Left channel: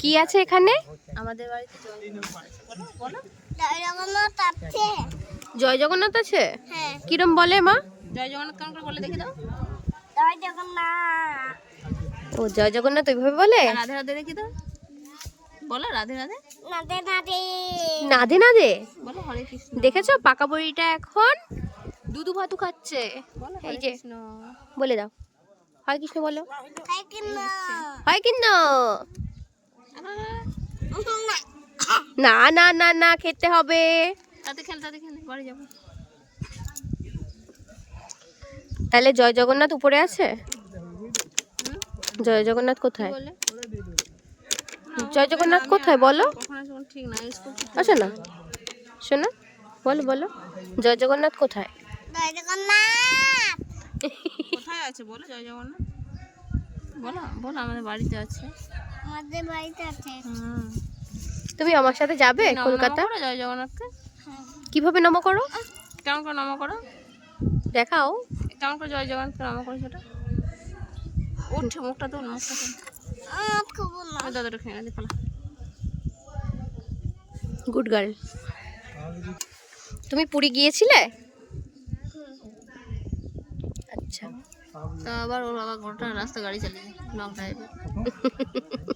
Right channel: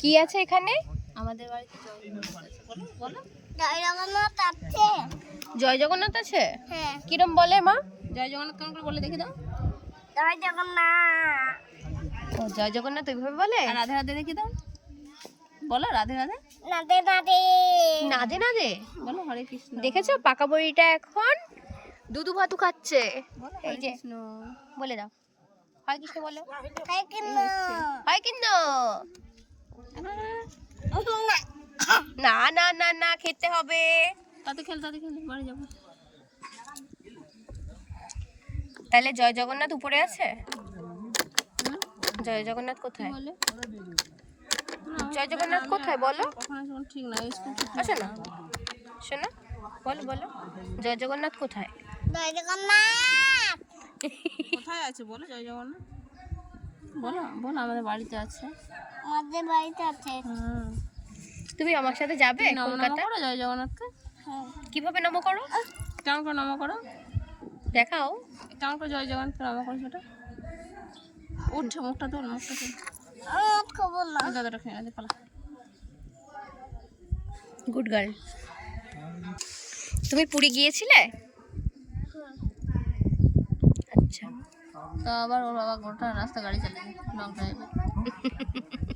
কি আছে এখানে? আমাদের বাড়িতে জয় জগন্নাথ আছে। জয় জগন্নাথ আছে। হ্যাঁ। কিরম বলে মা? জয় জগন্নাথ কেমন করে বলে দেখে দাও। জয় জগন্নাথ। ও জয় জগন্নাথ ওইভাবে বলে? রাধে রাধে দেখে দাও। বলো রাধে রাধে। নাদে নাদে। নাদে নাদে? বলো হরে কৃষ্ণ। দেখেছ? পাকা বড়িটা এখন দুধু ভাতু খাচ্ছে। বলো হরে কৃষ্ণ। বলে দাও। হয় কিছু বলো। হয় কিনা হয় কিন্তু না না না না খেতে হবে। তাতে খেল তাতে খেল বাড়ি যাব। তাহলে জয় জগন্নাথ উপরে আছে? জয় জগন্নাথ কোথায়? বলে? জয় জগন্নাথ কোথায়? বলো। আসো না। শোনো বলো বলো। জয় জগন্নাথ কোথায়? জয় জগন্নাথ! কোথায় আছে? বলো জয় জগন্নাথ। বলো বলো আমাদের বাড়িতে আছে। আমাদের বাড়িতে আছে। তুমি আমার সাথে যাবে কলকাতা? জগন্নাথকে? কীভাবে নম করো? কেমন করে নম করো? দেখাও। কেমন করে জয় জগন্নাথকে নম করো সেটা? উঠছে মুখটা তো মুখটা খবর না। দাদাটা খেয়ে গেছে পালা। গুড গার্ল তুমি পুরী গিয়েছিলে? আচ্ছা। তা আবার ওর বাবা গোটা রাস্তা গাড়ি চালিয়ে লং ড্রাইভে